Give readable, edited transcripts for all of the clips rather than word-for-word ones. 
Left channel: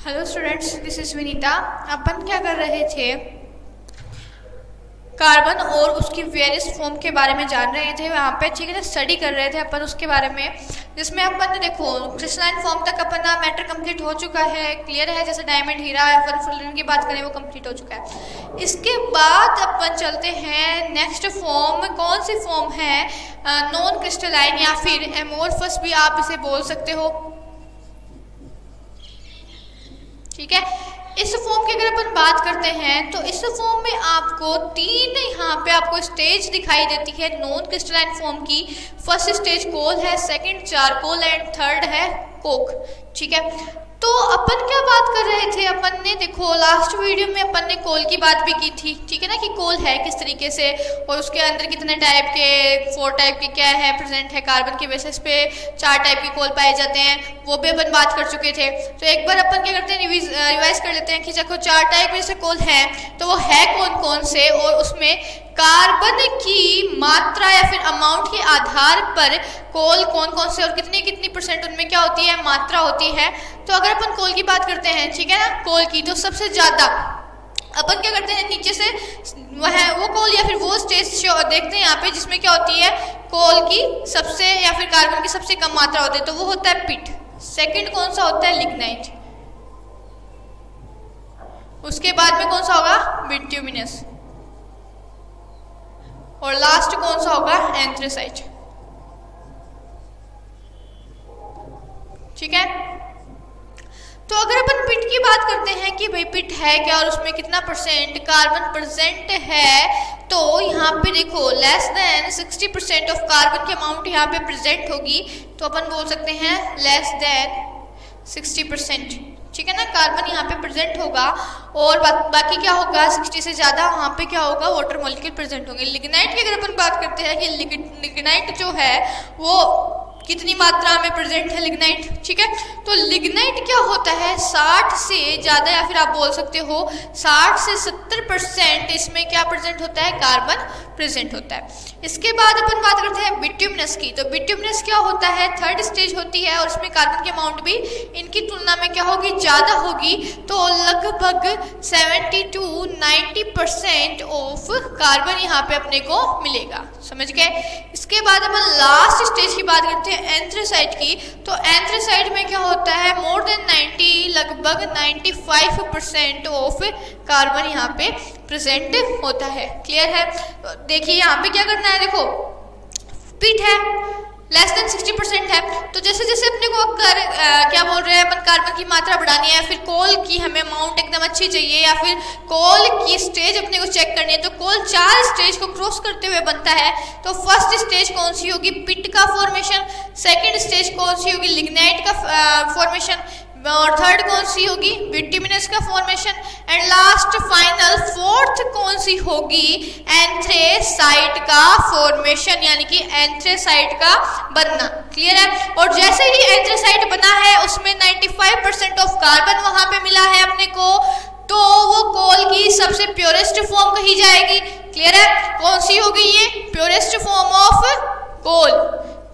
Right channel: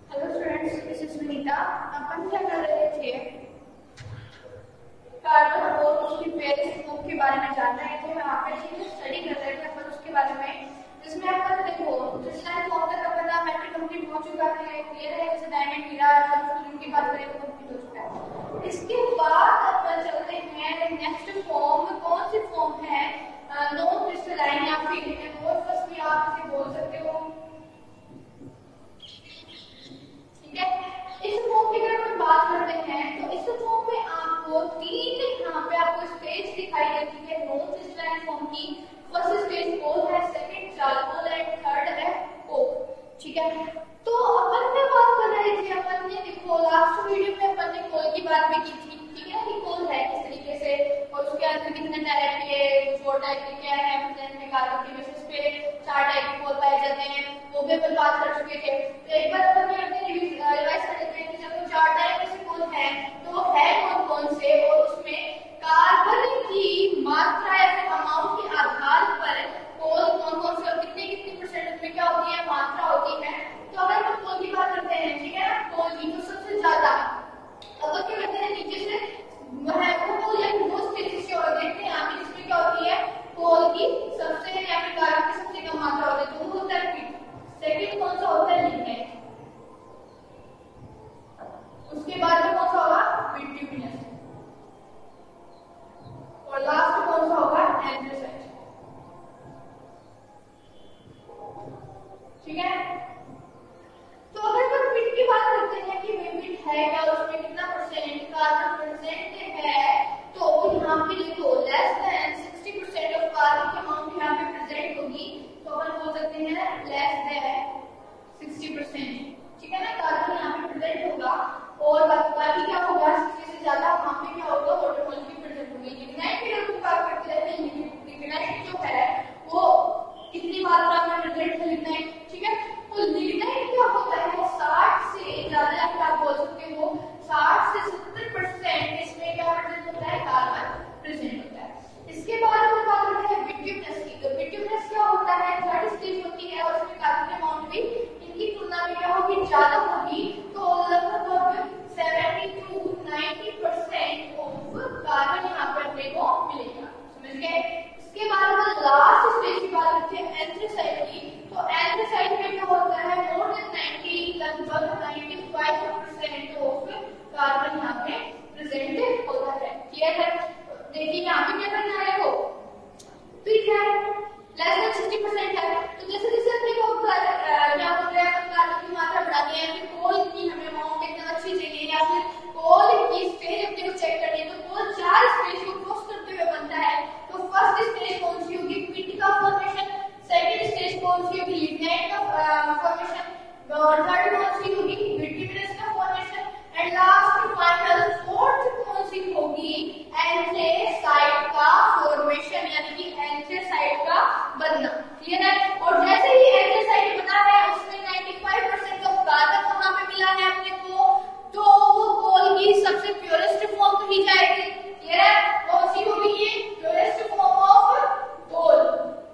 Hello students, this is Vinita. अपन क्या कर रहे थे, कार्बन और उसकी वेरियस फॉर्म के बारे में जान रहे थे वहाँ पे, ठीक है ना। स्टडी कर रहे थे अपन उसके बारे में, जिसमें अपन ने देखो क्रिस्टलाइन फॉर्म तक अपन ना मैटर कंप्लीट हो चुका है, क्लियर है। जैसे डायमंड, हीरा, फुलरिन की बात करें वो कंप्लीट हो चुका है। इसके बाद अपन चलते हैं नेक्स्ट फॉर्म। कौन सी फॉर्म है? नॉन क्रिस्टलाइन या फिर एमोर्फस भी आप इसे बोल सकते हो, ठीक है। इस फॉर्म की अगर अपन बात करते हैं तो इस फॉर्म में आपको तीन यहाँ पे आपको स्टेज दिखाई देती है नॉन क्रिस्टलाइन फॉर्म की। फर्स्ट स्टेज कोल है, सेकंड चारकोल एंड थर्ड है कोक, ठीक है। तो अपन क्या बात कर रहे थे, अपन ने देखो लास्ट वीडियो में अपन ने कोल की बात भी की थी, ठीक है ना, कि कोल है किस तरीके से और उसके अंदर कितने टाइप के, 4 टाइप के क्या है प्रेजेंट है। कार्बन के बेसिस पे 4 टाइप के कोल पाए जाते हैं, वो भी अपन बात कर चुके थे। तो एक बार अपन क्या करते हैं, रिवाइज कर लेते हैं कि देखो 4 टाइप में से कोल है, तो वो है कौन कौन से, और उसमें कार्बन की मात्रा या फिर अमाउंट के आधार पर कोल कौन कौन से और कितनी कितनी परसेंट उनमें क्या होती है, मात्रा होती है। तो अगर अपन कोल की बात करते हैं, ठीक है ना, कोल की, तो सबसे ज़्यादा अपन क्या करते हैं, नीचे से वो कोल या फिर वो स्टेज देखते हैं यहाँ पे, जिसमें क्या होती है, कोल की सबसे या फिर कार्बन की सबसे कम मात्रा होती है, तो वो होता है पिट। सेकंड कौन सा होता है? लिग्नाइट। उसके बाद में कौन सा होगा? बिट्यूमिनस। और लास्ट कौन सा होगा? एंथ्रेसाइट, ठीक है। तो अगर अपन पिट की बात करते हैं कि भाई पिट है क्या और उसमें कितना परसेंट कार्बन प्रेजेंट है, तो यहाँ पे देखो लेस देन 60% ऑफ कार्बन की अमाउंट यहाँ पे प्रेजेंट होगी, तो अपन बोल सकते हैं लेस देन 60%, ठीक है ना, कार्बन यहाँ पे प्रेजेंट होगा। और बाकी क्या होगा, 60 से ज़्यादा वहाँ पे क्या होगा, वाटर मॉलिक्यूल प्रेजेंट होंगे। लिग्नाइट की अगर अपन बात करते हैं कि लिग्नाइट जो है वो कितनी मात्रा में प्रेजेंट है लिग्नाइट, ठीक है। तो लिग्नाइट क्या होता है, 60 से ज़्यादा या फिर आप बोल सकते हो 60 से 70% इसमें क्या प्रेजेंट होता है, कार्बन प्रेजेंट होता है। इसके बाद अपन बात करते हैं बिट्यूमिनस की। तो बिट्यूमिनस क्या होता है, थर्ड स्टेज होती है और उसमें कार्बन की अमाउंट भी इनकी तुलना में क्या होगी, ज़्यादा होगी। तो लगभग 70 to 90% ऑफ कार्बन यहाँ पे अपने को मिलेगा, समझ गए। इसके बाद अपन लास्ट स्टेज की बात करते हैं एंथ्रेसाइट की। तो एंथ्रेसाइट में क्या होता है, मोर देन 90, लगभग 95% ऑफ कार्बन यहाँ पे प्रेजेंट होता है, क्लियर है। तो देखिए यहाँ पे क्या करना है, देखो पिट है, लेस देन 60% है, तो जैसे जैसे अपने को क्या बोल रहे हैं अपन, कार्बन की मात्रा बढ़ानी है, फिर कोल की हमें अमाउंट एकदम अच्छी चाहिए, या फिर कोल की स्टेज अपने को चेक करनी है। तो कोल 4 स्टेज को क्रॉस करते हुए बनता है। तो फर्स्ट स्टेज कौन सी होगी, पिट का फॉर्मेशन। सेकेंड स्टेज कौन सी होगी, लिग्नाइट का फॉर्मेशन। और थर्ड कौन सी होगी, बिट्यूमिनस का formation. And last final fourth कौन सी होगी, एंथ्रेसाइट का फॉर्मेशन, यानी कि एंथ्रेसाइट का बनना, क्लियर है। और जैसे ही एंथ्रेसाइट बना है उसमें 95% ऑफ कार्बन वहां पे मिला है अपने को, तो वो कोल की सबसे प्योरेस्ट फॉर्म कही जाएगी, क्लियर है। कौन सी होगी ये, प्योरेस्ट फॉर्म ऑफ कोल,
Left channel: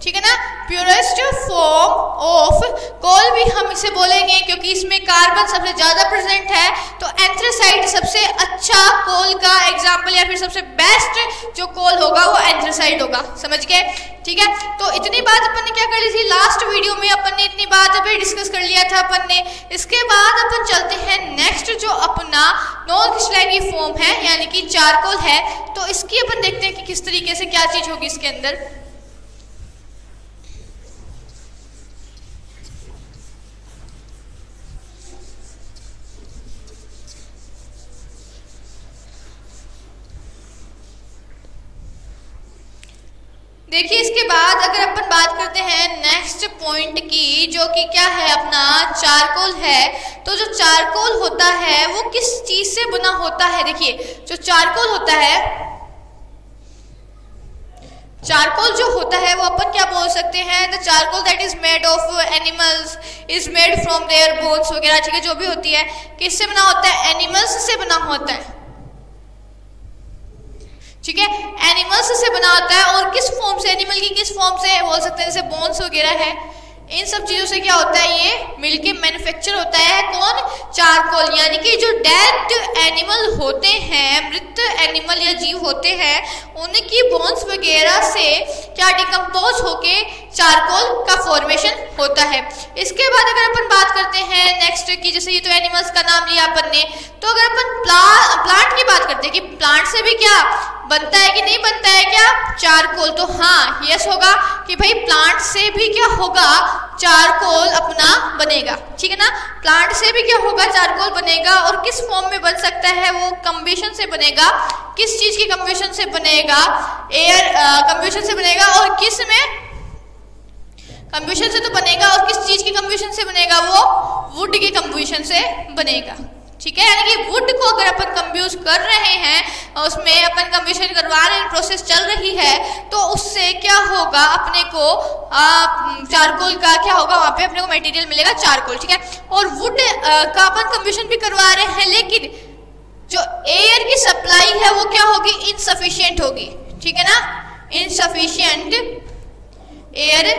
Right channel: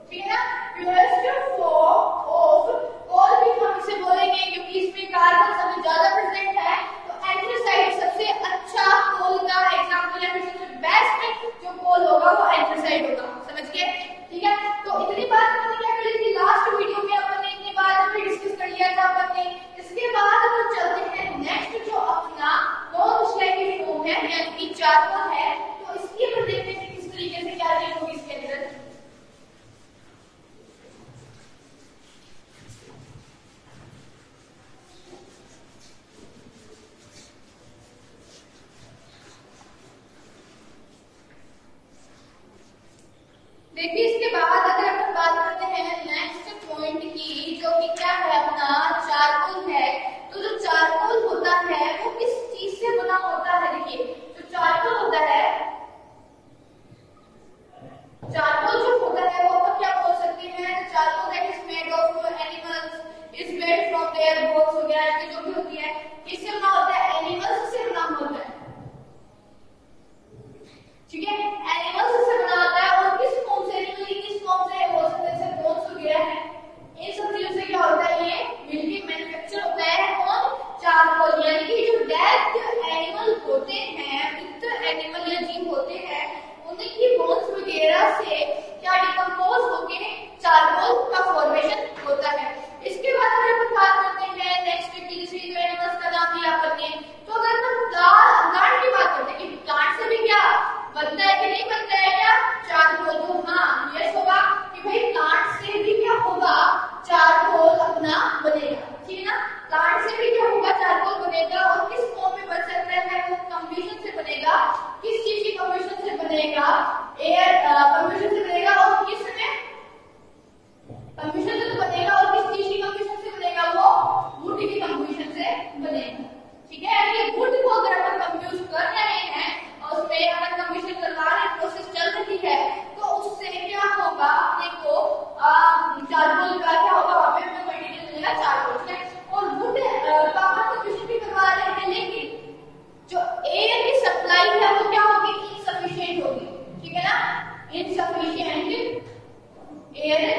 ठीक है ना, प्योरेस्ट फॉर्म ऑफ कोल भी हम इसे बोलेंगे क्योंकि इसमें कार्बन सबसे ज्यादा प्रेजेंट है। तो एंथ्रेसाइट सबसे अच्छा कोल का एग्जांपल या फिर सबसे बेस्ट जो कोल होगा वो एंथ्रेसाइट होगा, समझ गए, ठीक है। तो इतनी बात अपन ने क्या कर ली थी लास्ट वीडियो में, अपन ने इतनी बात अभी डिस्कस कर लिया था अपन ने। इसके बाद अपन चलते हैं नेक्स्ट जो अपना नॉन क्रिस्टलाइन की फॉर्म है, यानी कि चारकोल है। तो इसकी अपन देखते हैं कि किस तरीके से क्या चीज होगी इसके अंदर। देखिए इसके बाद अगर अपन बात करते हैं नेक्स्ट पॉइंट की, जो कि क्या है अपना चारकोल है। तो जो चारकोल होता है वो किस चीज से बना होता है, देखिए जो चारकोल होता है, चारकोल जो होता है वो अपन क्या बोल सकते हैं, the charcoal that is made of animals is made from their bones वगैरह, ठीक है, जो भी होती है किससे बना होता है, एनिमल्स से बना होता है, ठीक है, एनिमल्स से बना होता है। और किस फॉर्म से, एनिमल की किस फॉर्म से बोल सकते हैं, जैसे बोन्स वगैरह है, इन सब चीजों से क्या होता है, ये मिलके मैन्युफैक्चर होता है कौन, चारकोल। यानी कि जो डेड एनिमल होते हैं, मृत एनिमल या जीव होते हैं, उनकी बोन्स वगैरह से क्या डिकम्पोज होके चारकोल का फॉर्मेशन होता है। इसके बाद अगर अपन बात करते हैं नेक्स्ट की, जैसे ये तो एनिमल्स का नाम लिया अपन ने, तो अगर अपन प्लांट की बात करते हैं कि प्लांट से भी क्या बनता है कि नहीं बनता है क्या, चारकोल, तो हाँ यस होगा कि भाई प्लांट से भी क्या होगा, चारकोल अपना बनेगा। ठीक है ना, प्लांट से भी क्या होगा, चारकोल बनेगा। और किस फॉर्म में बन सकता है वो, कंबशन से बनेगा। किस चीज की कंबशन से बनेगा, एयर कंबशन से बनेगा। और किस में कंबशन से तो बनेगा, और किस चीज की कंबशन से बनेगा, वो वुड की कंबशन से बनेगा। ठीक है, यानी कि वुड को अगर अपन कंब्यूज कर रहे हैं, उसमें अपन कंबशन करवा रहे हैं, प्रोसेस चल रही है, तो उससे क्या होगा, अपने को चारकोल का क्या होगा, वहां पे अपने को मटेरियल मिलेगा चारकोल। ठीक है, और वुड का अपन कंबशन भी करवा रहे हैं, लेकिन जो एयर की सप्लाई है वो क्या होगी, इनसफिशिएंट होगी। ठीक है ना, इनसफिशिएंट एयर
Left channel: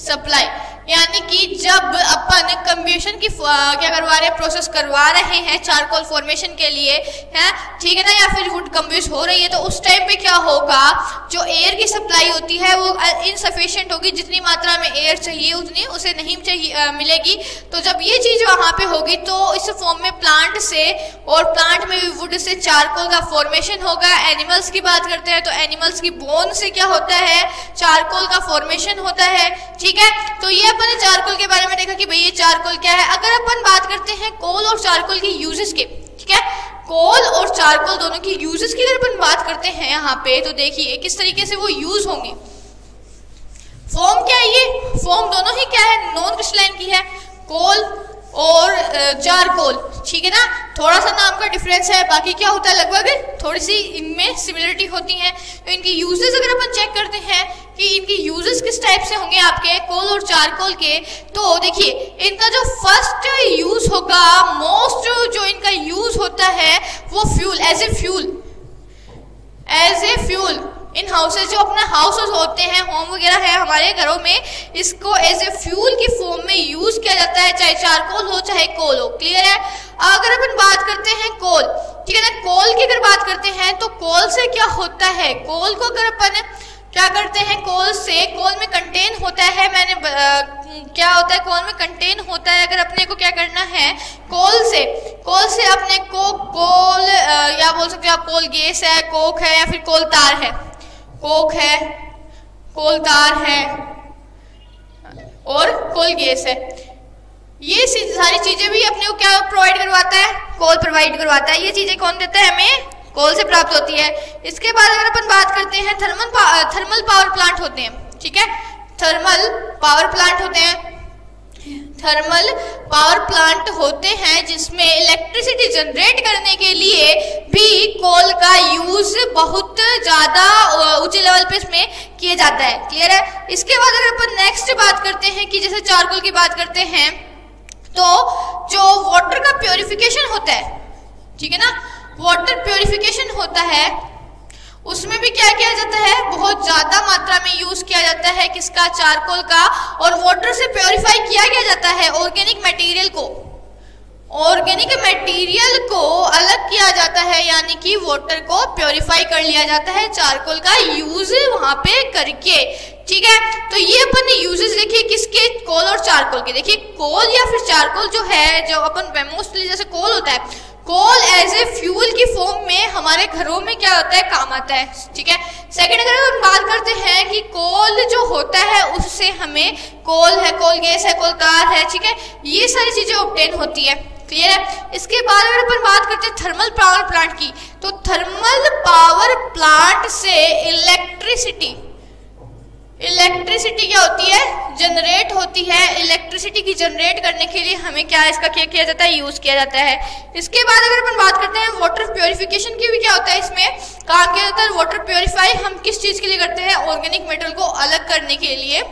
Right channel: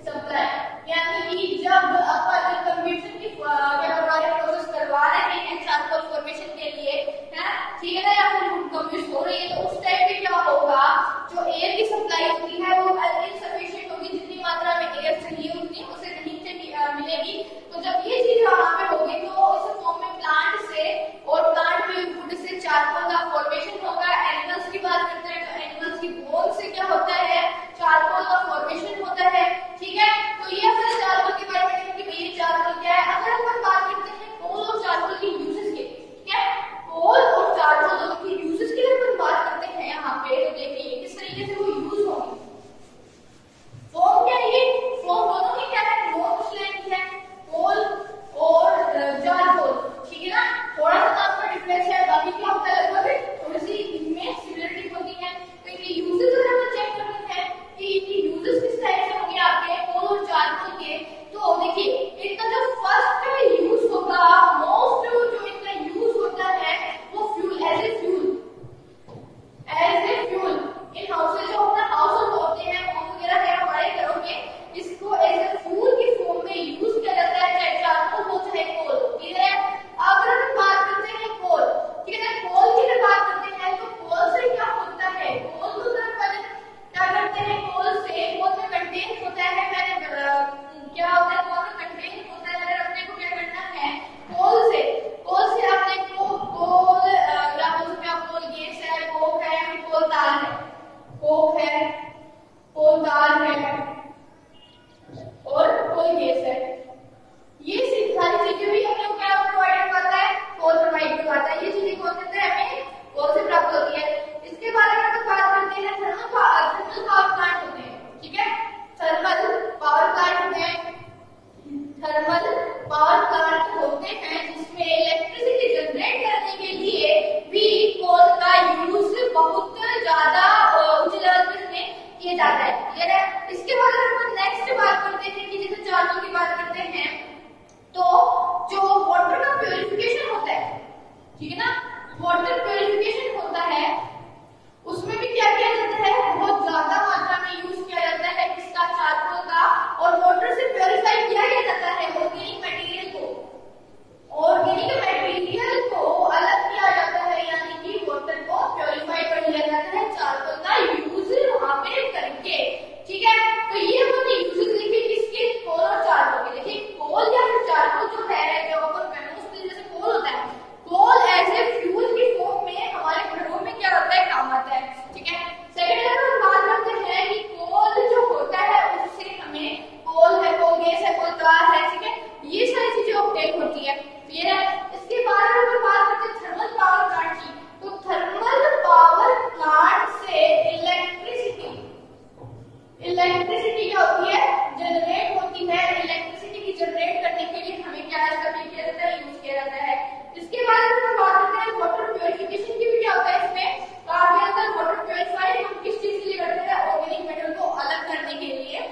सप्लाई, यानी कि जब अपन कंबशन की क्या करवा रहे हैं, प्रोसेस करवा रहे हैं चारकोल फॉर्मेशन के लिए, है ठीक है ना, या फिर वुड कंब्यूज हो रही है, तो उस टाइम पे क्या होगा, जो एयर की सप्लाई होती है वो इनसफिशिएंट होगी। जितनी मात्रा में एयर चाहिए उतनी उसे नहीं चाहिए मिलेगी। तो जब ये चीज वहां पे होगी तो इस फॉर्म में प्लांट से, और प्लांट में भी वुड से चारकोल का फॉर्मेशन होगा। एनिमल्स की बात करते हैं तो एनिमल्स की बोन से क्या होता है, चारकोल का फॉर्मेशन होता है। ठीक है, तो ये अपन ने चारकोल के बारे में देखा कि भाई ये चारकोल क्या है। अगर अपन बात करते हैं कोल और चारकोल की यूजेस के, ठीक है, कोल और चारकोल दोनों की यूजेस की अगर अपन बात करते हैं यहाँ पे, तो देखिए किस तरीके से वो यूज होंगे। फॉर्म क्या है, ये फॉर्म दोनों ही क्या है, नॉन क्रिस्टलाइन की है, कोल और चारकोल। ठीक है ना, थोड़ा सा नाम का डिफरेंस है, बाकी क्या होता है, लगभग थोड़ी सी इनमें सिमिलरिटी होती है। तो इनकी यूजेस अगर अपन चेक करते हैं कि इनकी यूजेस किस टाइप से होंगे आपके कोल और चारकोल के, तो देखिए इनका जो फर्स्ट यूज होगा, मोस्ट जो इनका यूज होता है वो fuel, as a fuel in houses, जो अपना हाउसेज होते हैं, होम वगैरह है हमारे घरों में, इसको एज ए फ्यूल की फॉर्म में यूज किया जाता है, चाहे चारकोल हो चाहे कोल हो। क्लियर है। अगर अपन बात करते हैं कोल, ठीक है ना, कोल की अगर बात करते हैं तो कोल से क्या होता है, कोल को अगर अपन क्या करते हैं, कोल से, कोल में कंटेन होता है, क्या होता है, कोल में कंटेन होता है। अगर अपने को क्या करना है, कोल से अपने को कोल या बोल सकते हो आप कोल गैस है, कोक है, या फिर कोल तार है, कोक है, कोल तार है और कोल गैस है। ये सारी चीजें भी अपने को क्या प्रोवाइड करवाता है, कोल प्रोवाइड करवाता है। ये चीजें कौन देता है, हमें कोल से प्राप्त होती है। इसके बाद अगर अपन बात करते हैं थर्मल पावर प्लांट होते हैं। ठीक है, थर्मल पावर प्लांट होते हैं, थर्मल पावर प्लांट होते हैं जिसमें इलेक्ट्रिसिटी जनरेट करने के लिए भी कोल का यूज बहुत ज्यादा ऊंचे लेवल पे इसमें किया जाता है। क्लियर है। इसके बाद अगर अपन नेक्स्ट बात करते हैं कि जैसे चारकोल की बात करते हैं, तो जो वाटर का प्योरिफिकेशन होता है, ठीक है ना, वाटर प्योरिफिकेशन होता है, उसमें भी क्या किया जाता है, बहुत ज्यादा मात्रा में यूज किया जाता है किसका, चारकोल का। और वाटर से प्योरीफाई किया जाता है ऑर्गेनिक मटेरियल को अलग किया जाता है, यानी कि वाटर को प्योरीफाई कर लिया जाता है चारकोल का यूज वहां पे करके। ठीक है, तो ये अपन ने यूजेस देखिए किसके, कोल और चारकोल के। देखिए कोल या फिर चारकोल जो है, जो अपन मोस्टली जैसे कोल होता है, कोल एज ए फ्यूल की फॉर्म में हमारे घरों में क्या होता है, काम आता है। ठीक है। सेकंड अगर हम बात करते हैं कि कोल जो होता है उससे हमें कोल है, कोल गैस है, कोल तार है, ठीक है, ये सारी चीजें ऑब्टेन होती है। क्लियर है। इसके बाद अगर अपन बात करते हैं थर्मल पावर प्लांट की, तो थर्मल पावर प्लांट से इलेक्ट्रिसिटी क्या होती है, जनरेट होती है। इलेक्ट्रिसिटी की जनरेट करने के लिए हमें क्या इसका क्या किया जाता है, यूज किया जाता है। इसके बाद अगर अपन बात करते हैं वाटर प्योरिफिकेशन की, भी क्या होता है इसमें काम किया जाता है। वाटर प्योरीफाई हम किस चीज के लिए करते हैं, ऑर्गेनिक मेटेरियल को अलग करने के लिए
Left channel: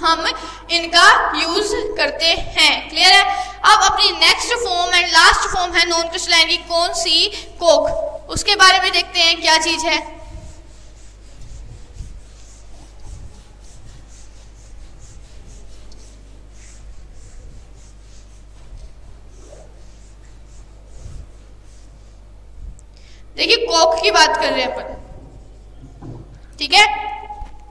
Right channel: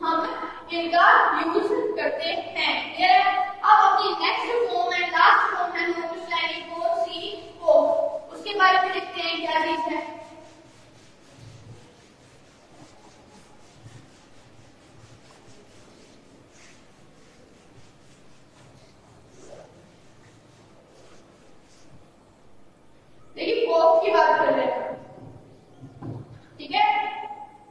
हम इनका यूज करते हैं। क्लियर है। अब अपनी next form and last form है नॉन क्रिस्टलाइन की, कौन सी, कोक। उसके बारे में देखते हैं क्या चीज है। की बात कर रहे हैं अपन, ठीक है।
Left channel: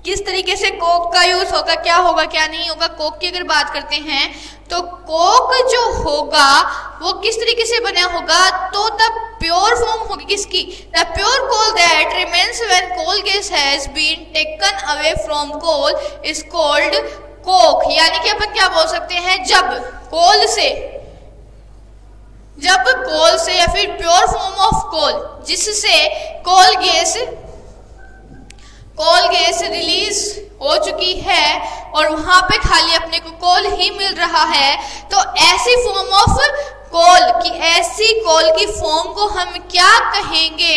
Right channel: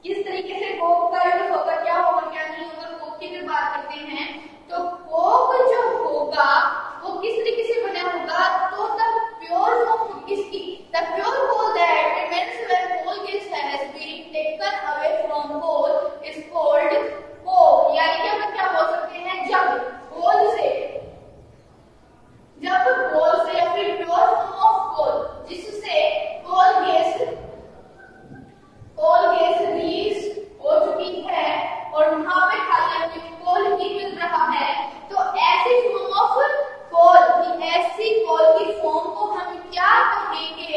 किस तरीके से कोक का यूज होगा, क्या होगा क्या नहीं होगा। कोक की अगर बात करते हैं तो कोक जो होगा वो किस तरीके से बना होगा, तो द प्योर फॉर्म होगी किसकी, the pure coal that remains when coal gas has been taken away from coal is called coke. यानी कि अपन क्या बोल सकते हैं, जब कोल से या फिर प्योर फॉर्म ऑफ कोल जिससे कोल गैस रिलीज हो चुकी है और वहां पे खाली अपने को कोल ही मिल रहा है, तो ऐसी फॉर्म ऑफ कोल की फॉर्म को हम क्या कहेंगे,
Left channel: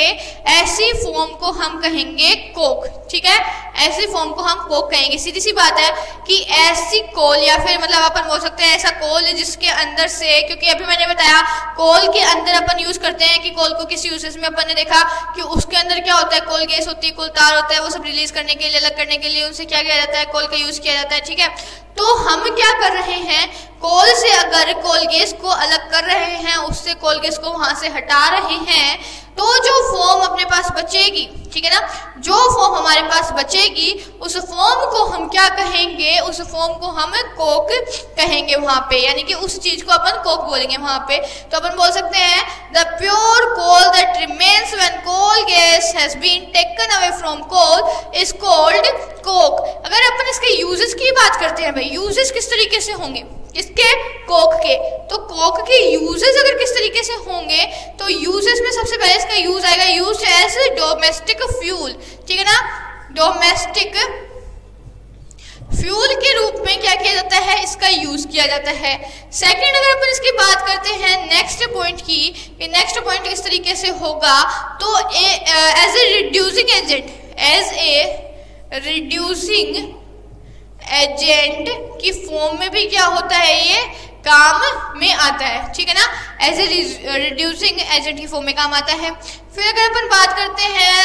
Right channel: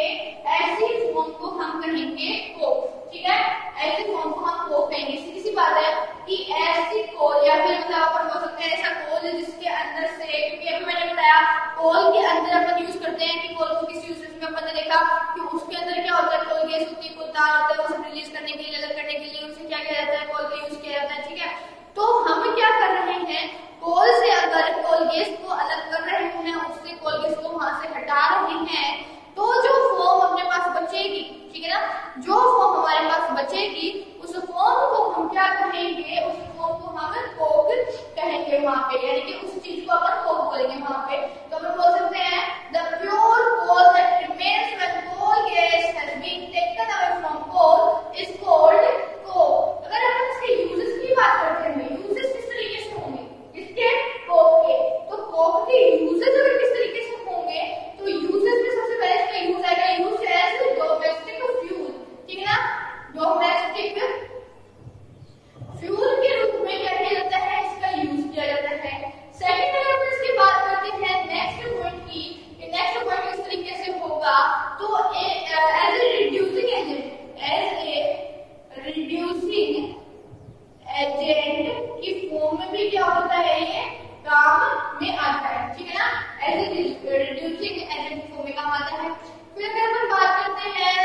ऐसी फॉर्म को हम कहेंगे कोक, ठीक है। ऐसी फॉर्म को हम कोक कहेंगे। सीधी सी बात है कि ऐसी कोल या फिर मतलब अपन बोल सकते हैं ऐसा कोल जिसके अंदर से, क्योंकि अभी मैंने बताया कोल के अंदर अपन यूज करते हैं कि कोल को किसी यूजेस में अपन ने देखा कि उसके अंदर क्या होता है, कोल गैस होती है, कोल तार होता है, वो सब रिलीज करने के लिए, अलग करने के लिए उनसे क्या किया जाता है, कोल का यूज किया जाता है, ठीक है। तो हम क्या कर रहे हैं, कोल से अगर कोल गैस को अलग कर रहे हैं, उससे कोल गैस को वहां से हटा रहे हैं, तो जो फॉर्म अपने पास बचेगी, ठीक है ना, जो फॉर्म हमारे पास बचेगी उस फॉर्म को हम क्या कहेंगे, उस फॉर्म को हम कोक कहेंगे वहां पे, यानी कि उस चीज को अपन कोक बोलेंगे वहां पे। तो अपन बोल सकते हैं the pure coal that remains when coal gas has been taken away from coal is called coke. अगर अपन इसके यूजेस की बात करते हैं भाई, यूजेस किस तरीके से होंगे इसके कोक के, तो कोक के यूजेस अगर किस तरीके से होंगे, तो यूजेस में सबसे पहले इसका यूज आएगा यूज एज डोमेस्टिक फ्यूल, ठीक है ना। डोमेस्टिक फ्यूल के रूप में क्या किया जाता है, इसका यूज किया जाता है। सेकंड अगर अपन इसकी बात करते हैं नेक्स्ट पॉइंट की, नेक्स्ट पॉइंट किस तरीके से होगा, तो एज ए रिड्यूसिंग एजेंट की फॉर्म में भी क्या होता है, ये काम में आता है, ठीक है ना। एज ए रिड्यूसिंग एजेंट की फॉर्म में काम आता है। फिर अगर अपन बात करते हैं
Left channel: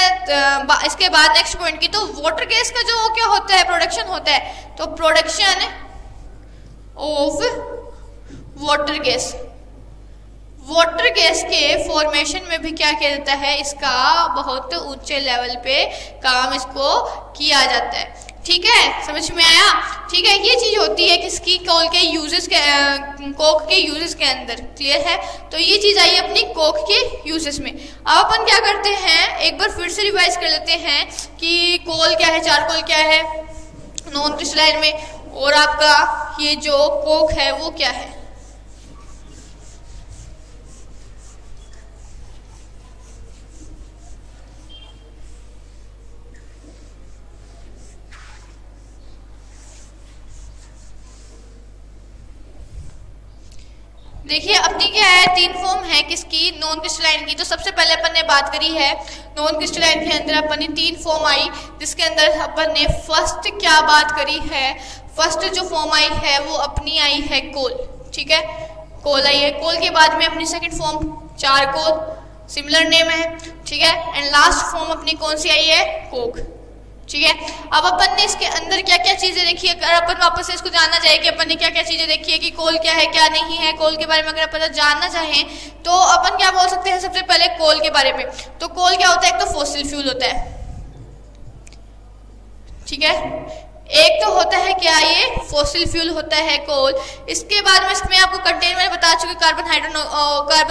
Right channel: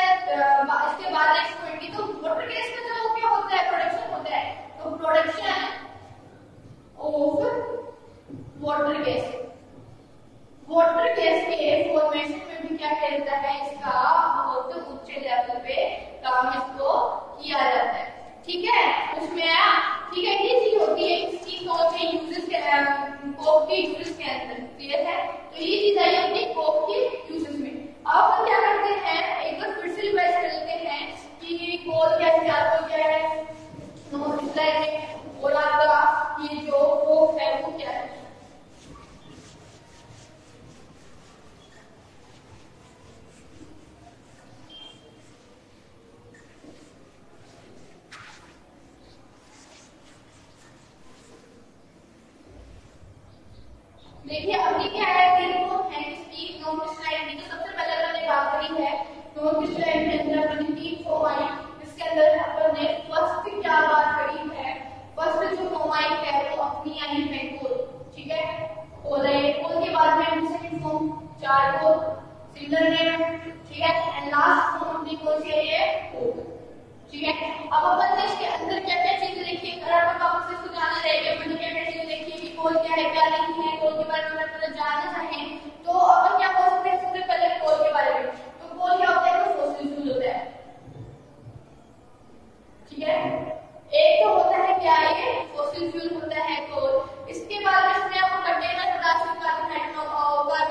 इसके बाद नेक्स्ट पॉइंट की, तो वाटर गैस का जो क्या होता है, प्रोडक्शन होता है, तो प्रोडक्शन ऑफ वाटर गैस के फॉर्मेशन में भी क्या किया जाता है, इसका बहुत ऊंचे लेवल पे काम इसको किया जाता है, ठीक है। समझ में आया, ठीक है। ये चीज होती है किसकी, कोल के यूजेस के, कोक के यूजेस के अंदर, क्लियर है। तो ये चीज आई अपनी कोक के यूजेस में। अब अपन क्या करते हैं, एक बार फिर से रिवाइज कर लेते हैं कि कोल क्या है, चारकोल क्या है नॉन क्रिस्टलाइन में, और आपका ये जो कोक है वो क्या है। देखिए अपनी क्या है, तीन फॉर्म है किसकी, नॉन क्रिस्टलाइन की। तो सबसे पहले अपन ने बात करी है नॉन क्रिस्टलाइन के अंदर अपन ने तीन फॉर्म आई, जिसके अंदर अपन ने फर्स्ट क्या बात करी है, फर्स्ट जो फॉर्म आई है वो अपनी आई है कोल, ठीक है, कोल आई है। कोल के बाद में अपनी second form charcoal, similar name है, ठीक है। एंड लास्ट फॉर्म अपनी कौन सी आई है, कोक, ठीक है। अब अपन ने इसके अंदर क्या क्या चीजें देखी है, अगर अपन वापस से इसको जानना चाहे कि अपन ने क्या क्या चीजें देखी है कि कोल क्या है क्या नहीं है, कोल के बारे में अगर अपन जानना चाहें तो अपन क्या बोल सकते हैं, सबसे पहले कोल के बारे में। तो कोल क्या होता है, एक तो फॉसिल फ्यूल होता है, ठीक है, एक तो होता है क्या, ये फॉसिल फ्यूल होता है कोल। इसके बाद में इसमें आपको कंटेन मैंने बता चुकी, कार्बन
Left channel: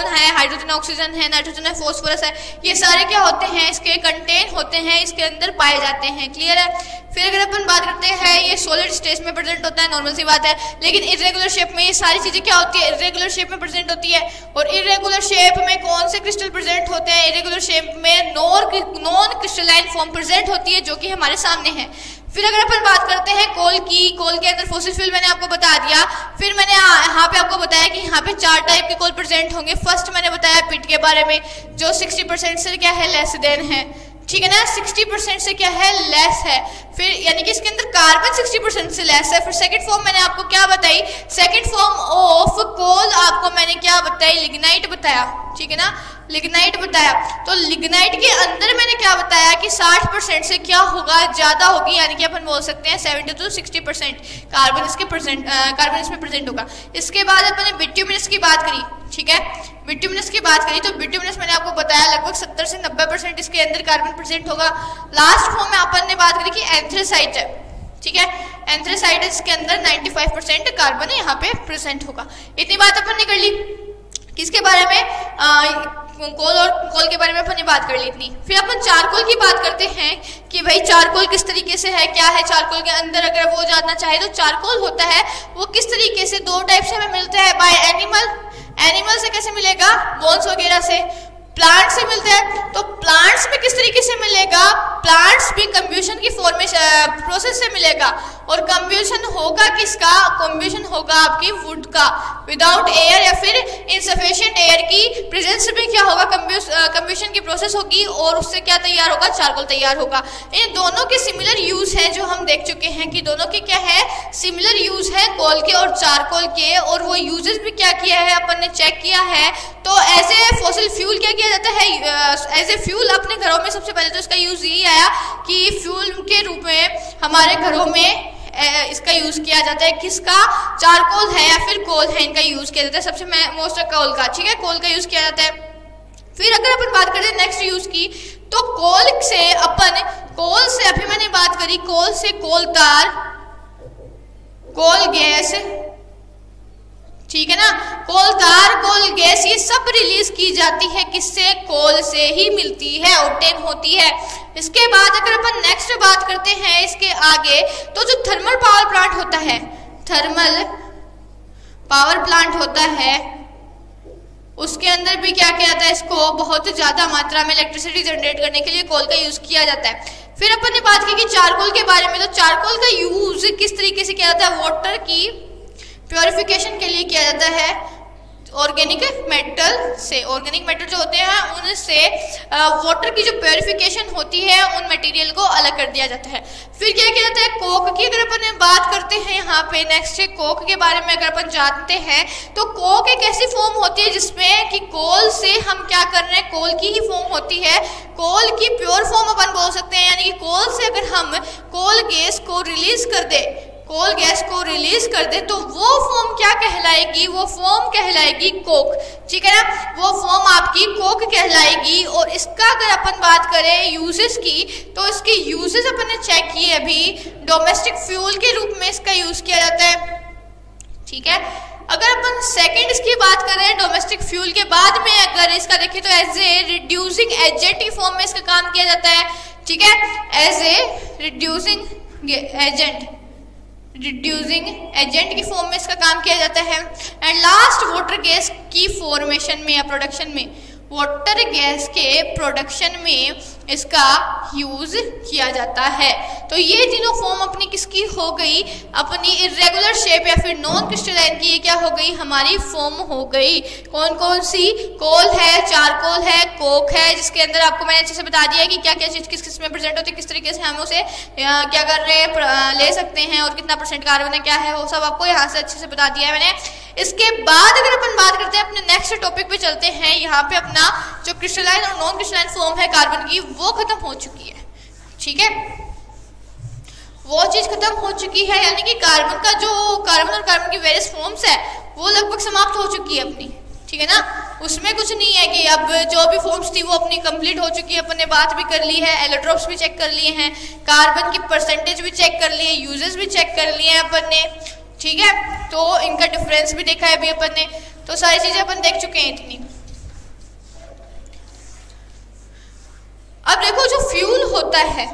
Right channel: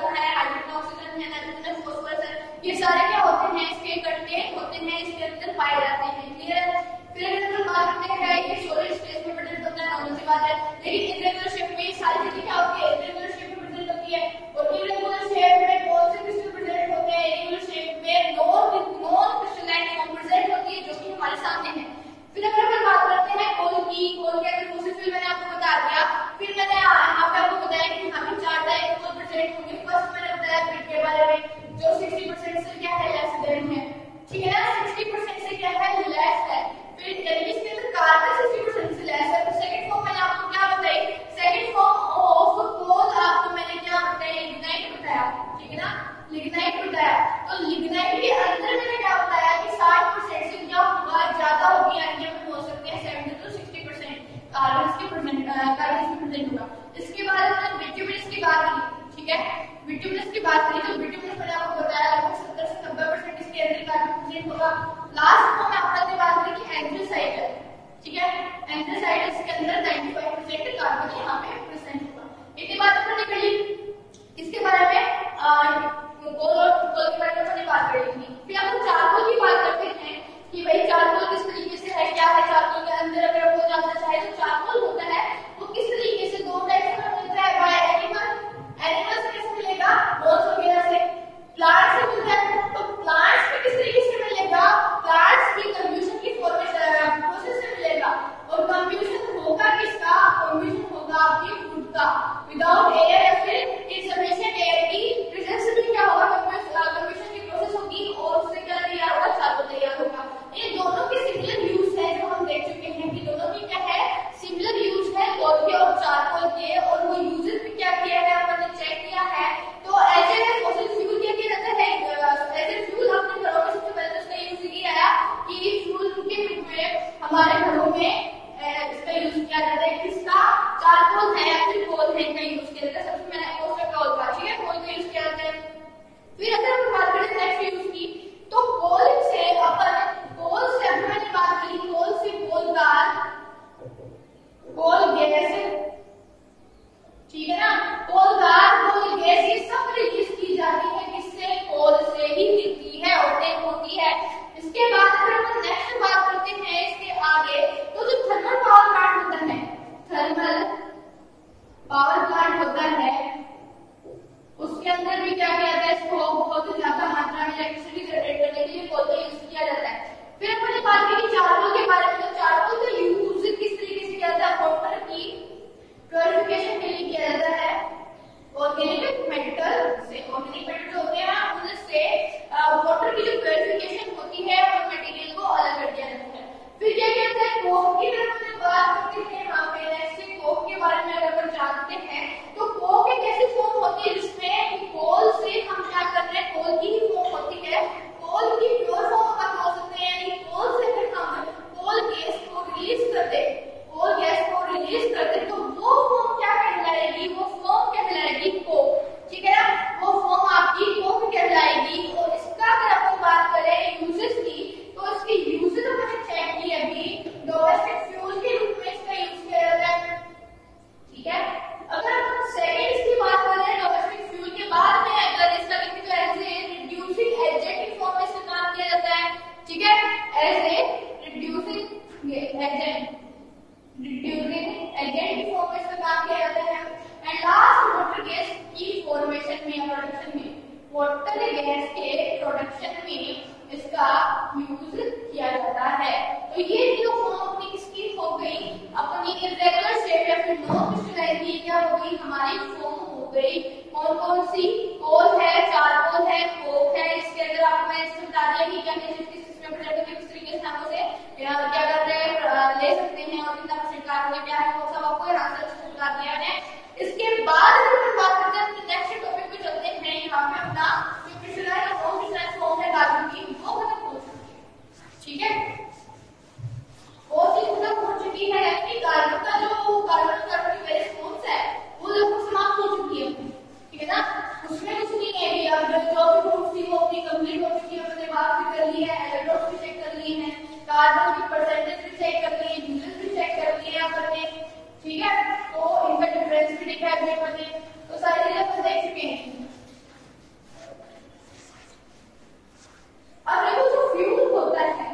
है, हाइड्रोजन ऑक्सीजन है, नाइट्रोजन है, फॉस्फोरस है, ये सारे क्या होते हैं, इसके कंटेन होते हैं, इसके अंदर पाए जाते हैं, क्लियर है। फिर अगर अपन बात करते हैं, ये सॉलिड स्टेट में प्रेजेंट होता है, नॉर्मल सी बात है, लेकिन इरेगुलर शेप में ये सारी चीजें क्या होती है, इरेगुलर शेप में प्रेजेंट होती है। और इरेगुलर शेप में कौन से क्रिस्टल प्रेजेंट होते हैं, इरेगुलर शेप में नॉन क्रिस्टलाइन फॉर्म प्रेजेंट होती है, जो कि हमारे सामने है। फिर अगर अपन बात करते हैं कोल की, कोल के अंदर फॉसिल फ्यूल मैंने आपको बता दिया। फिर मैंने यहाँ पे आपको बताया कि यहाँ पे 4 टाइप के कोल प्रेजेंट होंगे। फर्स्ट मैंने बताया पिट के बारे में, जो 60% से क्या है, लेस देन है, ठीक है ना, 60% से क्या है, लेस है। फिर यानी कि इसके अंदर कार्बन 60% से लेस है। फिर सेकंड फॉर्म मैंने आपको क्या बताई, सेकंड फॉर्म ऑफ कोल आपको मैंने क्या बताई, लिग्नाइट बताया, ठीक है ना, लिग्नाइट बताया। तो लिग्नाइट के अंदर मैंने क्या बताया कि 60% से क्या होगा, ज्यादा होगी, यानी कि अपन बोल सकते हैं 70 to 60% कार्बन इसमें प्रेजेंट होगा। इसके बाद अपन ने बिट्यूमिनस की बात करी, ठीक है। बिट्यूमिनस की बात करी तो बिट्यूमिनस मैंने आपको बताया लगभग 70 से 90% इसके अंदर कार्बन प्रेजेंट होगा। लास्ट फॉर्म में अपन ने बात करी कि एंथ्रेसाइट है, ठीक है। एंथ्रेसाइट इसके अंदर 95% कार्बन यहाँ पे प्रेजेंट होगा। इतनी बात अपन ने कर ली किसके बारे में, कोल के बारे में अपन ने बात कर ली इतनी। फिर अपन चारकोल की बात करते हैं कि भाई चारकोल किस तरीके से है, क्या है चारकोल के अंदर, अगर वो जानना चाहे तो चारकोल होता है वो किस तरीके से, दो टाइप से हमें मिलता है, बाय एनिमल से कैसे मिलेगा, बोन्स वगैरह से, प्लांट से मिलता है। तो प्लांट्स में किस तरीके से मिलेगा, प्लांट्स भी कंब्यूशन की फॉर्मेशन प्रोसेस से मिलेगा। और कंब्यूशन होगा किसका, कंब्यूशन होगा आपकी वुड का, विदाउट एयर या फिर इनसफिशिएंट एयर की प्रेजेंस में क्या होगा, कंब्यूशन की प्रोसेस होगी और उससे क्या तैयार होगा, चारकोल तैयार होगा। इन दोनों के सिमिलर यूज है जो हम देख चुके हैं कि दोनों के क्या है, सिमिलर यूज है कोल के और चारकोल के, और वो यूजेस भी क्या किया है अपन ने चेक किया है। तो एज ए फॉसिल फ्यूल क्या किया जाता है, एज ए फ्यूल अपने घरों में सबसे पहले तो इसका यूज यही आया कि फ्यूल के रूप में हमारे घरों में इसका यूज किया जाता है। किसका, चारकोल है या फिर कोल है, इनका यूज किया जाता है। सबसे मोस्ट कोल का, ठीक है, कोल का यूज किया जाता है। फिर अगर अपन बात करें नेक्स्ट यूज की तो कोल से अभी मैंने बात करी, कोल से कोलदार, कोल गैस, ठीक है ना, कोलदार, कोल गैस, ये सब रिलीज की जाती है किससे, कोल से ही मिलती है, ऑब्टेन होती है। इसके बाद अगर अपन नेक्स्ट बात करते हैं इसके आगे, तो जो थर्मल पावर प्लांट होता है, थर्मल पावर प्लांट होता है, उसके अंदर भी क्या किया जाता है, इसको बहुत ज्यादा मात्रा में इलेक्ट्रिसिटी जनरेट करने के लिए कोल का यूज किया जाता है। फिर अपन ने बात की कि चारकोल के बारे में, तो चारकोल का यूज किस तरीके से किया जाता है, वाटर की प्योरिफिकेशन के लिए किया जाता है, ऑर्गेनिक मेटल से, ऑर्गेनिक मेटल जो होते हैं उनसे वाटर की जो प्योरिफिकेशन होती है उन मटेरियल को अलग कर दिया जाता है। फिर क्या किया जाता है, कोक की अगर अपन बात करते हैं यहाँ पे नेक्स्ट, कोक के बारे में अगर अपन जानते हैं तो कोक एक ऐसी फॉर्म होती है जिसमें कि कोल से हम क्या कर रहे हैं, कोल की ही फॉर्म होती है, कोल की प्योर फॉर्म अपन बोल सकते हैं। यानी कि कोल से अगर हम कोल गैस को रिलीज कर दे, कोल गैस को रिलीज कर दे तो वो फॉर्म क्या कहलाएगी, वो फॉर्म कहलाएगी कोक, ठीक है ना, वो फॉर्म आपकी कोक कहलाएगी। और इसका अगर अपन बात करें यूजेस की, तो इसके यूजेस अपन ने चेक किए अभी, डोमेस्टिक फ्यूल के रूप में इसका यूज किया जाता है, ठीक है। अगर अपन सेकंड इसकी बात करें डोमेस्टिक फ्यूल के बाद में अगर इसका देखें तो एज ए रिड्यूसिंग एजेंट की फॉर्म में इसका काम किया जाता है, ठीक है, एज ए रिड्यूसिंग एजेंट की फॉर्म में इसका काम किया जाता है। एंड लास्ट वाटर गैस की फॉर्मेशन में या प्रोडक्शन में, वाटर गैस के प्रोडक्शन में इसका यूज किया जाता है। तो ये तीनों फॉर्म अपनी किसकी हो गई, अपनी इरेगुलर शेप या फिर नॉन क्रिस्टलाइन की, ये क्या हो गई, हमारी फॉर्म हो गई। कौन कौन सी, कोल है, चारकोल है, कोक है, जिसके अंदर आपको मैंने अच्छे से बता दिया है कि क्या क्या चीज किस किस में प्रेजेंट होती है, किस तरीके से हम उसे क्या कर रहे हैं, ले सकते हैं, और कितना % कार्बन है, क्या है, वो सब आपको यहाँ से अच्छे से बता दिया है मैंने। इसके बाद अगर अपन बात करते हैं अपने नेक्स्ट टॉपिक पे चलते हैं, यहाँ पे अपना जो क्रिस्टलाइन और नॉन क्रिस्टलाइन फॉर्म है कार्बन की वो खत्म हो चुकी है, ठीक है, वो चीज खत्म हो चुकी है। यानी कि कार्बन का जो कार्बन और कार्बन की वेरियस फॉर्म्स है वो लगभग समाप्त हो चुकी है अपनी, ठीक है ना, उसमें कुछ नहीं है कि अब जो भी फॉर्म्स थी वो अपनी कंप्लीट हो चुकी है। अपन ने बात भी कर ली है, एलोट्रोप्स भी चेक कर लिए हैं, कार्बन की परसेंटेज भी चेक कर लिए, यूजेस भी चेक कर लिए हैं अपन ने, ठीक है, तो इनका डिफरेंस भी देखा है अभी अपन ने, तो सारी चीजें अपन देख चुके हैं इतनी। अब देखो जो फ्यूल होता है,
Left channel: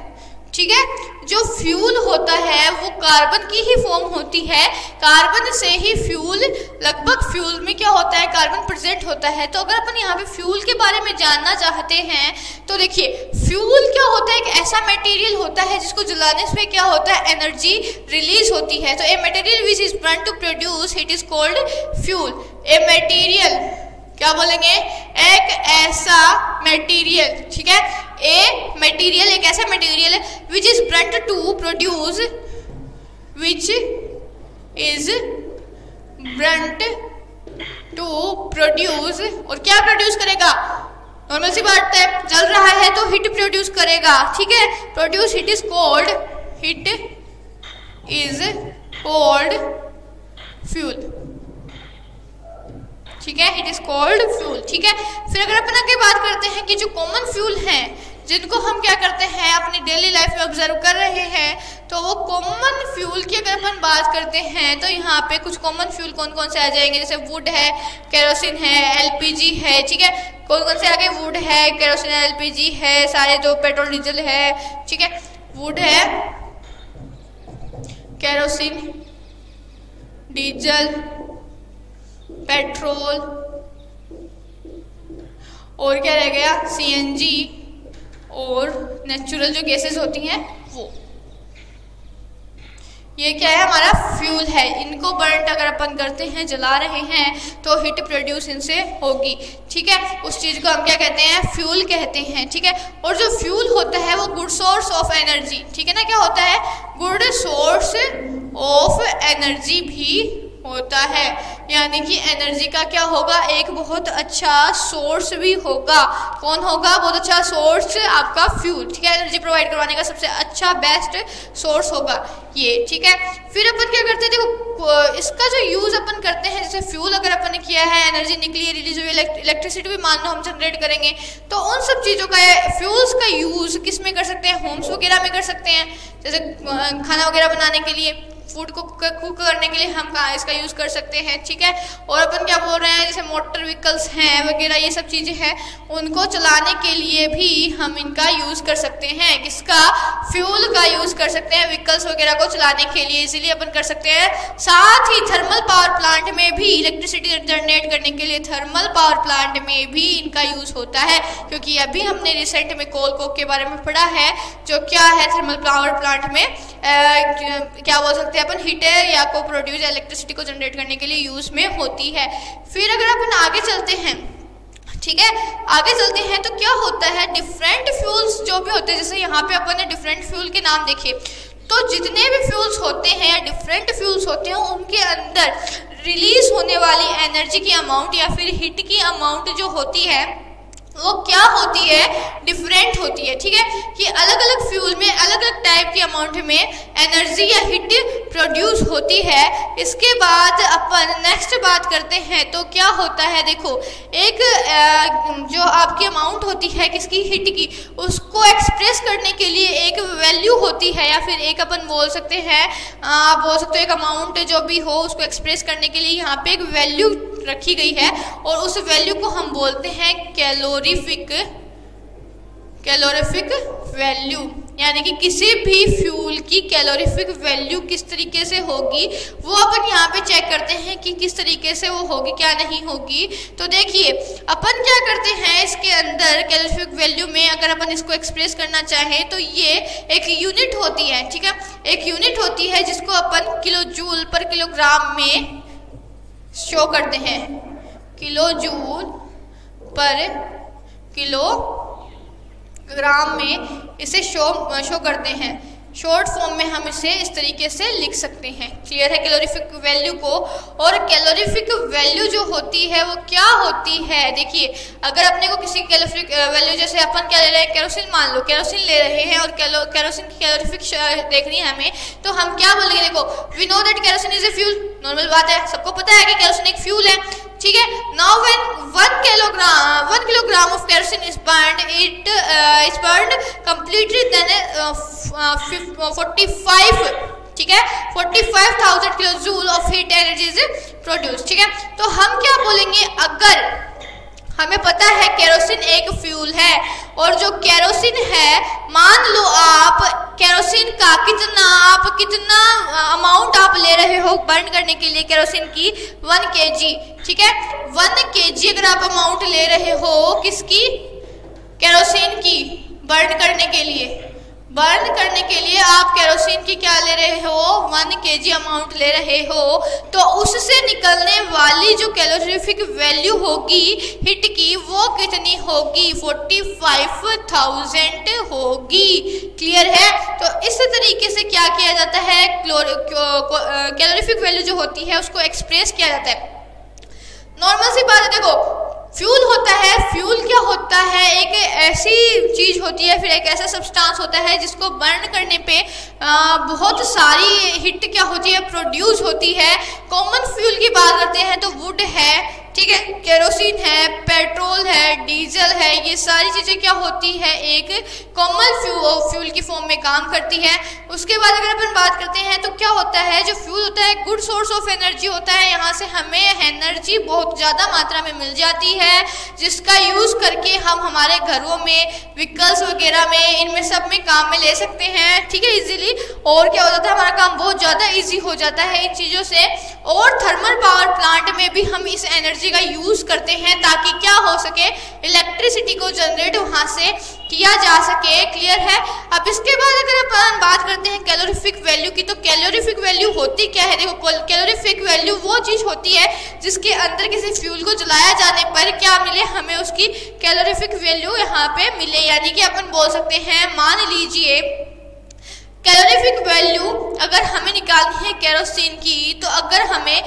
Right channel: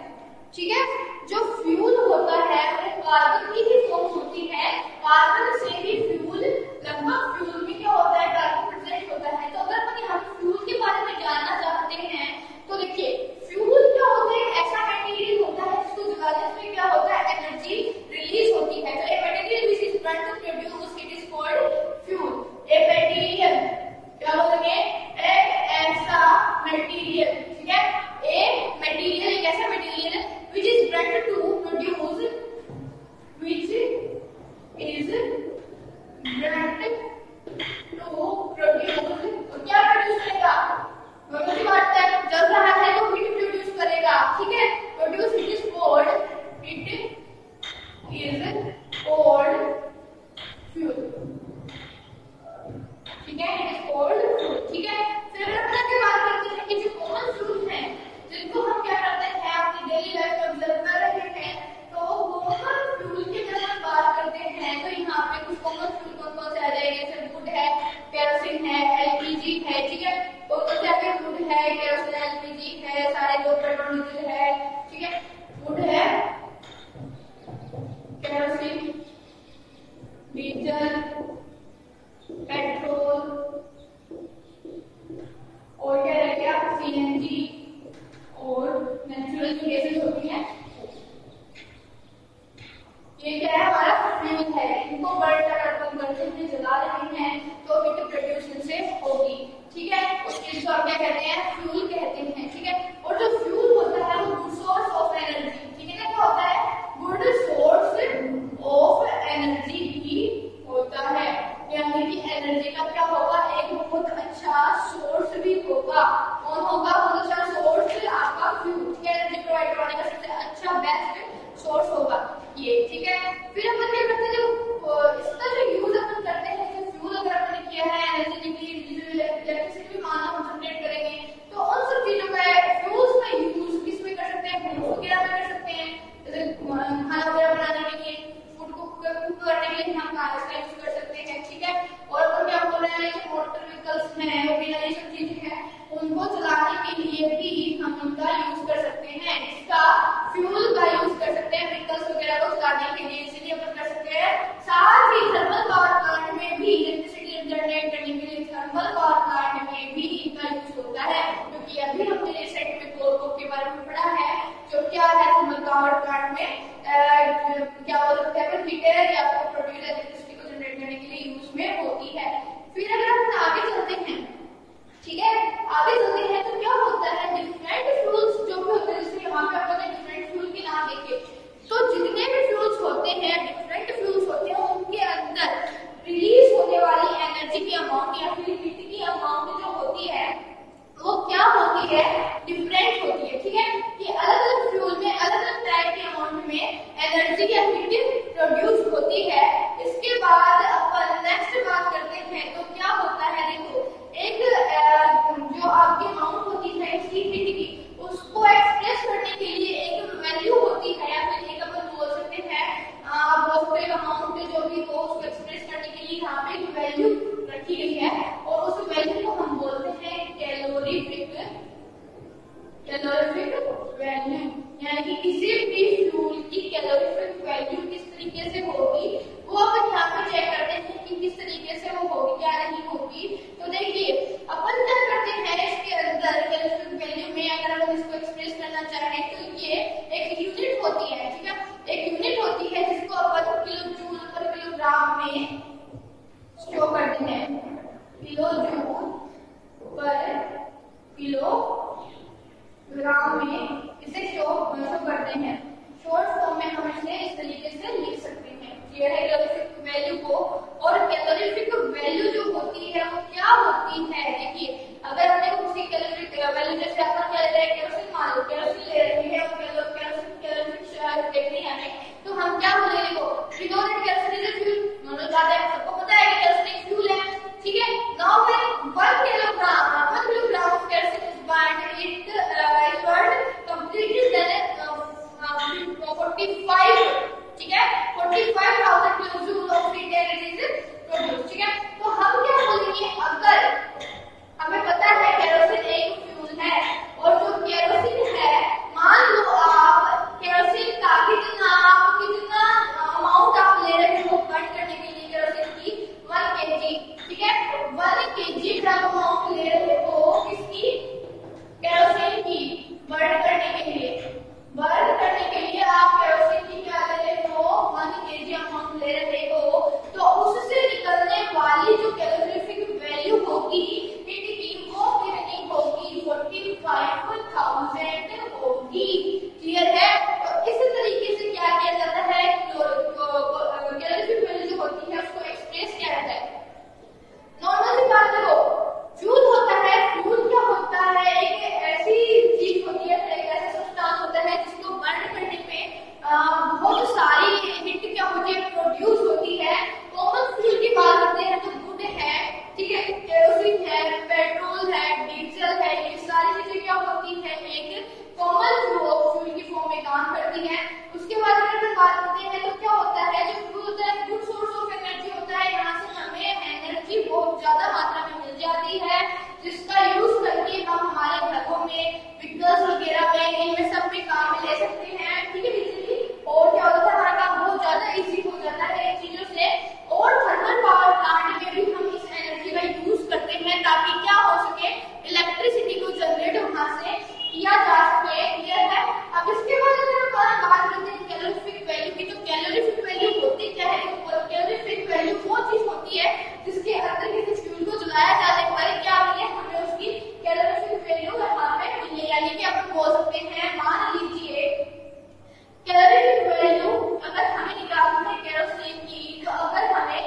ठीक है, जो फ्यूल होता है वो कार्बन की ही फॉर्म होती है, कार्बन से ही फ्यूल, लगभग फ्यूल में क्या होता है, कार्बन प्रेजेंट होता है। तो अगर अपन यहाँ पे फ्यूल के बारे में जानना चाहते हैं तो देखिए, फ्यूल क्या होता है, एक ऐसा मटेरियल होता है जिसको जलाने से क्या होता है, एनर्जी रिलीज होती है। तो a material which is burn to produce heat is called fuel. A material, क्या बोलेंगे, एक ऐसा मटेरियल, ठीक है, ए मटेरियल एक ऐसा मटेरियल है which is burnt to produce, which is burnt to produce, और क्या प्रोड्यूस करेगा, नॉर्मल सी बात है, जल रहा है तो हीट प्रोड्यूस करेगा, ठीक है, produce heat is called, heat is called fuel, ठीक है, इट इज कॉल्ड फ्यूल। ठीक है, फिर अगर अपन आगे बात करते हैं कि जो कॉमन फ्यूल हैं जिनको हम क्या करते हैं अपनी डेली लाइफ में ऑब्जर्व कर रहे हैं, तो वो कॉमन फ्यूल की अगर अपन बात करते हैं तो यहाँ पे कुछ कॉमन फ्यूल कौन कौन से आ जाएंगे, जैसे वुड है, केरोसिन है, एलपीजी है। ठीक है, कौन कौन से आ गए, वुड है, केरोसिन है, एलपीजी है, सारे जो पेट्रोल डीजल है। ठीक है, वुड है, केरोसिन, डीजल, पेट्रोल और क्या रह गया, सीएनजी और नेचुरल जो गैसेस होती हैं वो। ये क्या है, हमारा फ्यूल है। इनको बर्न अगर अपन करते हैं, जला रहे हैं, तो हीट प्रोड्यूस इनसे होगी। ठीक है, उस चीज़ को हम क्या कहते हैं, फ्यूल कहते हैं। ठीक है, और जो फ्यूल होता है वो गुड सोर्स ऑफ एनर्जी, ठीक है ना, क्या होता है, गुड सोर्स ऑफ एनर्जी भी होता है, यानी कि एनर्जी का क्या होगा, एक बहुत अच्छा सोर्स भी होगा। कौन होगा, बहुत अच्छा सोर्स, आपका फ्यूल। ठीक है, एनर्जी प्रोवाइड करवाने का सबसे अच्छा बेस्ट सोर्स होगा ये। ठीक है, फिर अपन क्या करते हैं, देखो इसका जो यूज अपन करते हैं, जैसे फ्यूल अगर अपन ने किया है, एनर्जी निकली है, रिलीज हुई, इलेक्ट्रिसिटी भी मान लो हम जनरेट करेंगे, तो उन सब चीज़ों का फ्यूल्स का यूज किस में कर सकते हैं, होम्स वगैरह में कर सकते हैं, जैसे खाना वगैरह बनाने के लिए, फूड को कुक करने के लिए हम इसका यूज़ कर सकते हैं। ठीक है, और अपन क्या बोल रहे हैं, जैसे मोटर व्हीकल्स हैं वगैरह, ये सब चीज़ें हैं, उनको चलाने के लिए भी हम इनका यूज़ कर सकते हैं, किसका, फ्यूल का यूज़ कर सकते हैं व्हीकल्स वगैरह को चलाने के लिए, इसीलिए अपन कर सकते हैं। साथ ही थर्मल पावर प्लांट में भी इलेक्ट्रिसिटी जनरेट करने के लिए, थर्मल पावर प्लांट में भी इनका यूज़ होता है, क्योंकि अभी हमने रिसेंट में कोल कोक के बारे में पढ़ा है, जो क्या है थर्मल पावर प्लांट में क्या बोल सकते हैं अपन, हीटर या को प्रोड्यूस इलेक्ट्रिसिटी को जनरेट करने के लिए यूज में होती है। फिर अगर अपन आगे चलते हैं, ठीक है, आगे चलते हैं तो क्या होता है, डिफरेंट फ्यूल्स जो भी होते हैं, जैसे यहाँ पे अपन ने डिफरेंट फ्यूल के नाम देखे, तो जितने भी फ्यूल्स होते हैं, डिफरेंट फ्यूल्स होते हैं, उनके अंदर रिलीज होने वाली एनर्जी की अमाउंट या फिर हीट की अमाउंट जो होती है वो क्या होती है, डिफरेंट होती है। ठीक है, कि अलग अलग फ्यूल में अलग अलग टाइप की अमाउंट में एनर्जी या हीट प्रोड्यूस होती है। इसके बाद अपन नेक्स्ट बात करते हैं तो क्या होता है, देखो एक जो आपकी अमाउंट होती है किसकी, हीट की, उसको एक्सप्रेस करने के लिए एक वैल्यू होती है, या फिर एक अपन बोल सकते हैं, आप बोल सकते हो एक अमाउंट जो भी हो उसको एक्सप्रेस करने के लिए यहाँ पे एक वैल्यू रखी गई है, और उस वैल्यू को हम बोलते हैं कैलोरीफिक वैल्यू, यानी कि किसी भी फ्यूल की कैलोरीफिक वैल्यू किस तरीके से होगी वो अपन यहाँ पे चेक करते हैं कि किस तरीके से वो होगी, क्या नहीं होगी। तो देखिए अपन क्या करते हैं, इसके अंदर कैलोरीफिक वैल्यू में अगर अपन इसको एक्सप्रेस करना चाहें तो ये एक यूनिट होती है। ठीक है, एक यूनिट होती है जिसको अपन किलो जूल पर किलोग्राम में शो करते हैं, किलो जूल पर किलोग्राम में इसे शो करते हैं। शॉर्ट फॉर्म में हम इसे इस तरीके से लिख सकते हैं। क्लियर है कैलोरीफिक वैल्यू को। और कैलोरीफिक वैल्यू जो होती है वो क्या होती है, देखिए अगर अपने को किसी कैलोरीफिक वैल्यू, जैसे अपन क्या ले रहे हैं, केरोसिन मान लो, केरोसिन ले रहे हैं और केरोसिन की कैलोरीफिक देखनी है हमें, तो हम क्या बोलेंगे, देखो we know that kerosene is a fuel, normal बात है, सबको पता है कि केरोसिन एक फ्यूल है। ठीक है, now when 1 kilogram of kerosene is burned, it is burned completely, then 45, ठीक है, 45,000 kilo joule of heat energy is produce. ठीक है, तो हम क्या बोलेंगे, अगर हमें पता है केरोसिन एक फ्यूल है, और जो केरोसिन है, मान लो आप केरोसिन का कितना अमाउंट आप ले रहे हो बर्न करने के लिए केरोसिन की, 1 kg। ठीक है, 1 kg अगर आप अमाउंट ले रहे हो किसकी, केरोसिन की, बर्न करने के लिए आप केरोसिन की क्या ले रहे हो, 1 kg अमाउंट ले रहे हो, तो उससे निकलने वाली जो कैलोरीफिक वैल्यू होगी हिट की वो कितनी होगी, 45,000 होगी। क्लियर है, तो इस तरीके से क्या किया जाता है, कैलोरीफिक वैल्यू जो होती है उसको एक्सप्रेस किया जाता है। नॉर्मल सी बात है, देखो फ्यूल होता है, फ्यूल क्या होता है, एक ऐसी चीज होती है, फिर एक ऐसा सब्सटेंस होता है जिसको बर्न करने पे बहुत सारी हिट क्या होती है, प्रोड्यूस होती है। कॉमन फ्यूल की बात करते हैं तो वुड है, ठीक है, केरोसिन है, पेट्रोल है, डीजल है, ये सारी चीज़ें क्या होती है, एक कॉमन फ्यूल की फॉर्म में काम करती है। उसके बाद अगर अपन बात करते हैं तो क्या होता है, जो फ्यूल होता है गुड सोर्स ऑफ एनर्जी होता है, यहाँ से हमें एनर्जी बहुत ज़्यादा मात्रा में मिल जाती है, जिसका यूज़ करके हम हमारे घरों में, व्हीकल्स वगैरह में, इनमें सब में काम में ले सकते हैं, ठीक है, इजीली। और क्या हो जाता है, हमारा काम बहुत ज़्यादा इजी हो जाता है इन चीज़ों से। और थर्मल पावर प्लांट में भी हम इस एनर्जी का यूज़ करते हैं ताकि क्या हो सके, इलेक्ट्रिसिटी को जनरेट वहाँ से किया जा सके। क्लियर है। अब इसके बाद अगर अपन बात करते हैं कैलोरीफिक वैल्यू की, तो कैलोरीफिक वैल्यू होती क्या है, देखो कैलोरीफिक वैल्यू वो चीज़ होती है जिसके अंदर किसी फ्यूल को जलाया जाने पर क्या मिले, हमें उसकी कैलोरीफिक वैल्यू यहाँ पे मिले। यानी कि अपन बोल सकते हैं, मान लीजिए कैलोरीफिक वैल्यू अगर हमें निकालनी है केरोसिन की, तो अगर हमें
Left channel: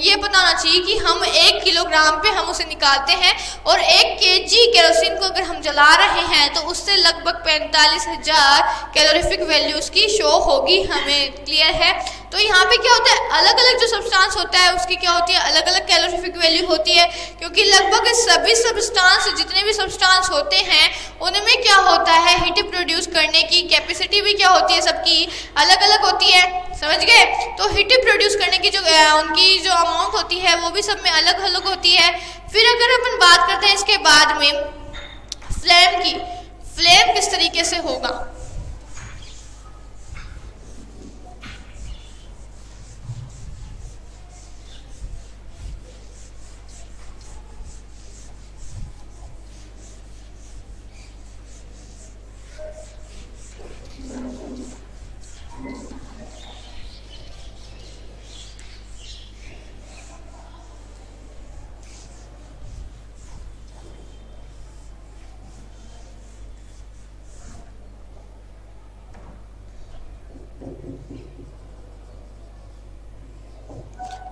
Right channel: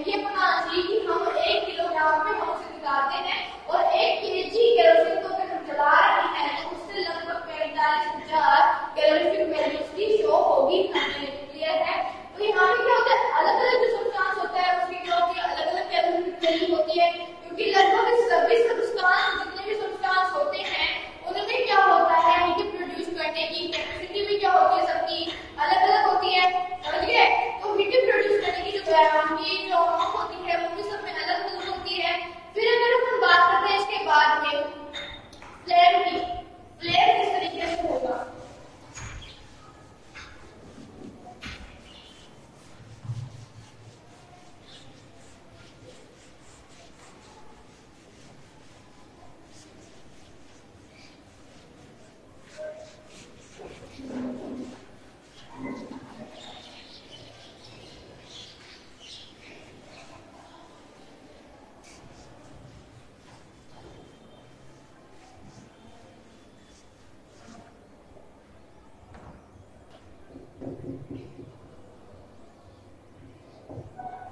ये बताना चाहिए कि हम 1 किलोग्राम पे हम उसे निकालते हैं और 1 केजी केरोसिन को अगर हम जला रहे हैं तो उससे लगभग 45,000 कैलोरीफिक वैल्यू उसकी शो होगी हमें। क्लियर है। तो यहाँ पे क्या होता है, अलग अलग जो सब्सटेंस होता है उसकी क्या होती है, अलग अलग कैलोरीफिक वैल्यू होती है, क्योंकि लगभग सभी सब्सटेंस, जितने भी सब्सटेंस होते हैं उनमें क्या होता है, हीट प्रोड्यूस करने की कैपेसिटी भी क्या होती है, सबकी अलग अलग होती है। समझ गए। तो हीट प्रोड्यूस करने की जो उनकी जो अमाउंट होती है वो भी सब में अलग अलग होती है। फिर अगर अपन बात करते हैं इसके बाद में फ्लेम की, फ्लेम किस तरीके से होगा,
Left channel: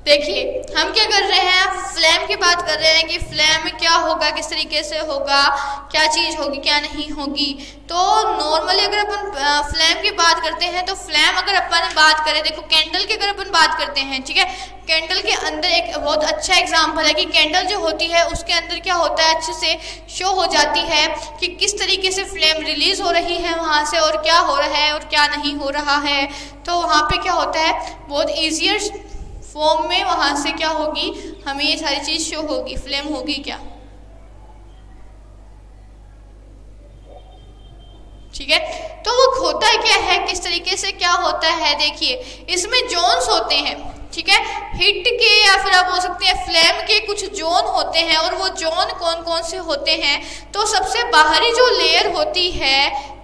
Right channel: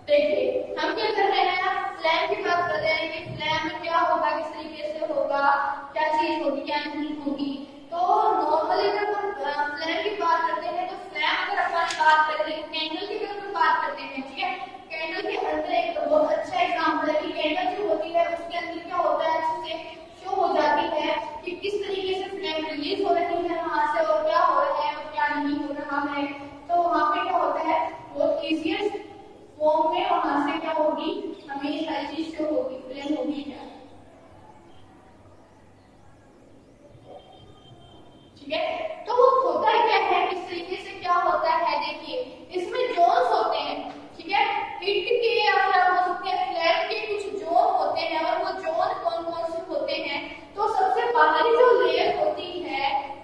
देखिए हम क्या कर रहे हैं, फ्लेम की बात कर रहे हैं कि फ्लेम में क्या होगा, किस तरीके से होगा, क्या चीज़ होगी, क्या नहीं होगी। तो नॉर्मली अगर अपन फ्लेम की बात करते हैं तो फ्लेम अगर अपन बात करें, देखो कैंडल की अगर अपन बात करते हैं, ठीक है, कैंडल के अंदर एक बहुत अच्छा एग्जाम्पल है कि कैंडल जो होती है उसके अंदर क्या होता है, अच्छे से शो हो जाती है कि किस तरीके से फ्लेम रिलीज हो रही है वहाँ से, और क्या हो रहा है और क्या नहीं हो रहा है। तो वहाँ पे क्या होता है, बहुत ईजियर फॉर्म में वहाँ से क्या होगी, हमें ये सारी चीज शो होगी, फ्लेम होगी क्या, ठीक है। तो वो होता है क्या है, किस तरीके से क्या होता है, देखिए इसमें जोन्स होते हैं, ठीक है, हिट के या फिर आप बोल सकते हैं फ्लेम के कुछ जोन होते हैं। और वो जोन कौन कौन से होते हैं, तो सबसे बाहरी जो लेयर होती है,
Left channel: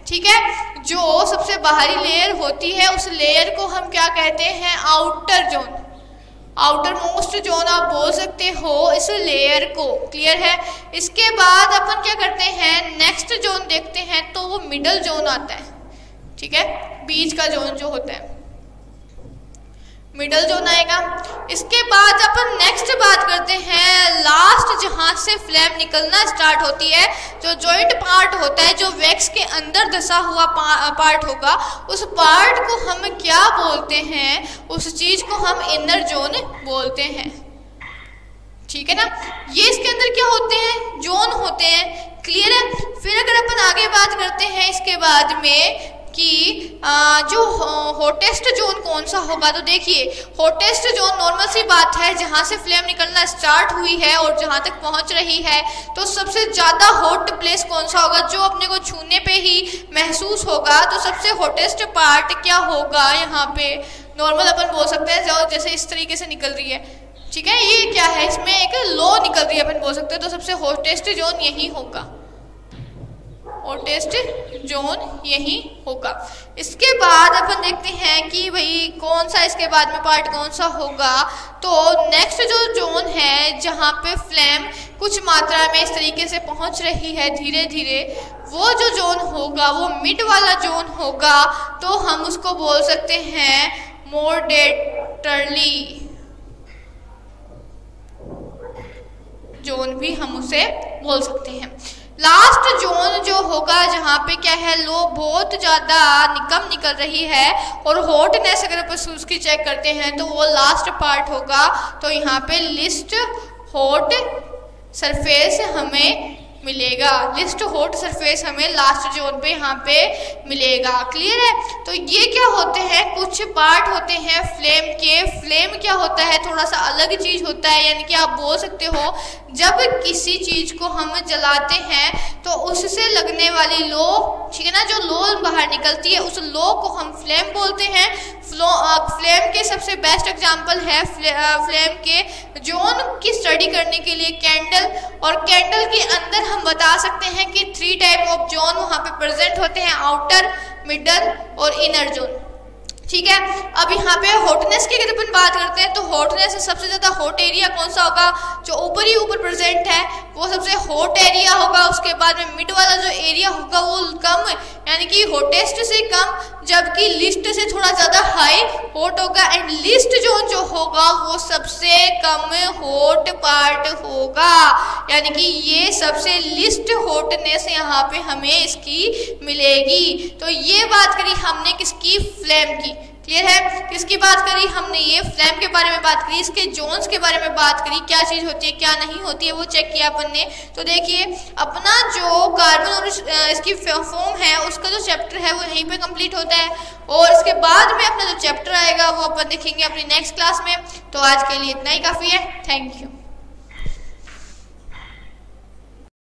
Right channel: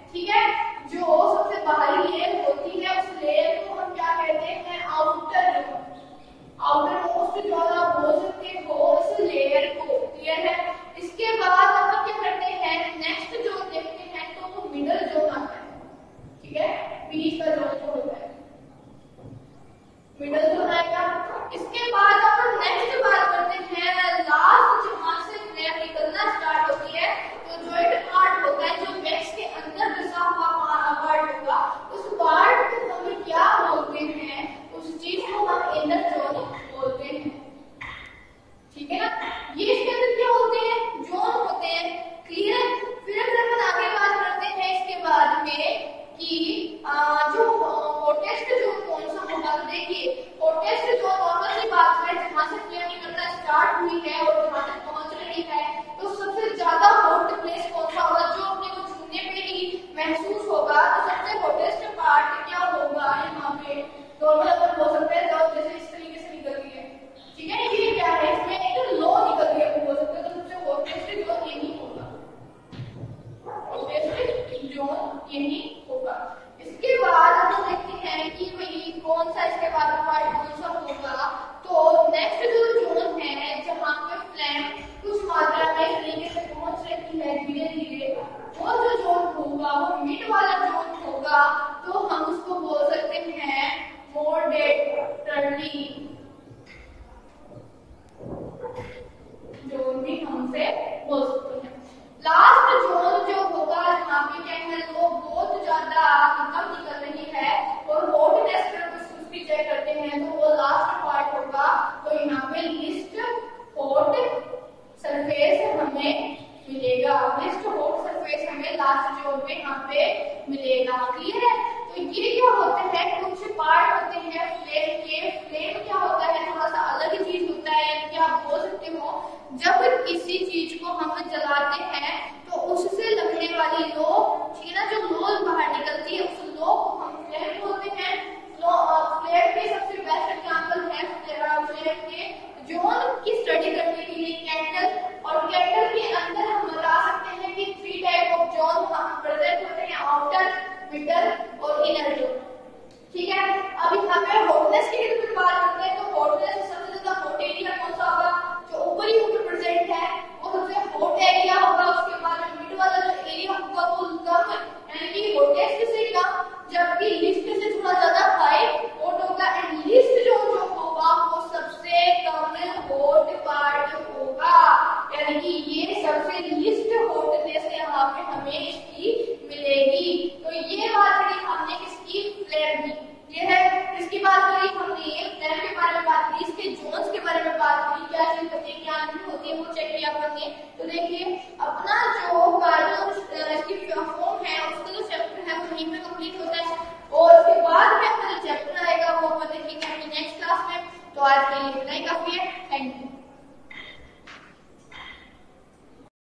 ठीक है, जो सबसे बाहरी लेयर होती है उस लेयर को हम क्या कहते हैं, outer zone, outer most zone आप बोल सकते हो इस लेयर को। क्लियर है। इसके बाद अपन क्या करते हैं, नेक्स्ट जोन देखते हैं, तो वो मिडल जोन आता है, ठीक है, बीच का जोन जो होता है मिडल जोन आएगा। इसके बाद अपन नेक्स्ट बात करते हैं लास्ट, जहां से फ्लेम निकलना स्टार्ट होती है, जो जॉइंट पार्ट होता है, जो वैक्स के अंदर धसा हुआ पार्ट होगा, उस पार्ट को हम क्या बोलते हैं, उस चीज को हम इनर जोन बोलते हैं, ठीक है ना। ये इसके अंदर क्या होते हैं, जोन होते हैं। क्लियर है। फिर अगर अपन आगे बात करते हैं इसके बाद में कि जो हॉटेस्ट जोन कौन सा होगा, तो देखिए हॉटेस्ट जोन नॉर्मल सी बात है, जहां से फ्लेम निकलना स्टार्ट हुई है और जहां तक पहुंच रही है, तो सबसे ज्यादा हॉट प्लेस कौन सा होगा, जो अपने को छूने पे ही महसूस होगा। तो सबसे हॉटेस्ट पार्ट क्या होगा, यहाँ पे नॉर्मल अपन बोल सकते हैं, जो जैसे इस तरीके से निकल रही है, ठीक है, ये क्या है, इसमें एक लो निकल रही है अपन बोल सकते हैं, तो सबसे हॉटेस्ट जोन यही होगा, हॉटेस्ट जोन यही होगा। इसके बाद अपन देखते हैं कि भाई कौन सा इसके बाद में पार्ट कौन सा होगा। तो नेक्स्ट जो जोन है, जहाँ पे फ्लेम कुछ मात्रा में इस तरीके से पहुंच रही है धीरे धीरे, वो जो जोन होगा वो मिड वाला जोन होगा। तो हम उसको बोल सकते हैं मॉडरेटली जोन भी हम उसे बोल सकते हैं। लास्ट जोन जो होगा, जहाँ पे क्या है, लो बहुत ज़्यादा कम निकल रही है और हॉटनेस अगर अपन उसकी चेक करते हैं तो वो लास्ट पार्ट होगा। तो यहाँ पे लिस्ट हॉट सरफेस हमें मिलेगा। लिस्ट हॉट सरफेस हमें लास्ट जोन पे यहाँ पे मिलेगा। क्लियर है? तो ये क्या होते हैं, कुछ पार्ट होते हैं फ्लेम के। फ्लेम क्या होता है, थोड़ा सा अलग चीज होता है, यानी कि आप बोल सकते हो जब किसी चीज को हम जलाते हैं तो उससे लगने वाली लो, ठीक है ना, जो लो बाहर निकलती है उस लो को हम फ्लेम बोलते हैं। फ्लेम के सबसे बेस्ट एग्जांपल है फ्लेम के जोन की स्टडी करने के लिए कैंडल, और कैंडल के अंदर हम बता सकते हैं कि 3 टाइप ऑफ जोन वहाँ पे प्रेजेंट होते हैं, आउटर, मिडल और इनर जोन। ठीक है, अब यहाँ पे हॉटनेस की अगर अपन बात करते हैं तो हॉटनेस से सबसे ज्यादा हॉट एरिया कौन सा होगा, जो ऊपर ही ऊपर प्रेजेंट है वो सबसे हॉट एरिया होगा। उसके बाद में मिड वाला जो एरिया होगा वो कम, यानी कि हॉटेस्ट से कम, जबकि लिस्ट से थोड़ा ज्यादा हाई हॉट होगा। एंड लिस्ट जोन जो होगा वो सबसे कम हॉट पार्ट होगा, यानी कि ये सबसे लिस्ट हॉटनेस यहाँ पे हमें इसकी मिलेगी। तो ये बात करी हमने किसकी, फ्लेम की। क्लियर है? किसकी बात करी हमने, ये फ्लेम के बारे में बात करी, इसके जोन्स के बारे में बात करी, क्या चीज होती है क्या नहीं होती है वो चेक किया अपन ने। तो देखिए अपना जो कार्बन और इसकी फॉर्म है उसका जो चैप्टर है वो यहीं पे कंप्लीट होता है, और इसके बाद में अपना जो चैप्टर आएगा वो अपन देखेंगे अपनी नेक्स्ट क्लास में। तो आज के लिए इतना ही काफी है। Thank you.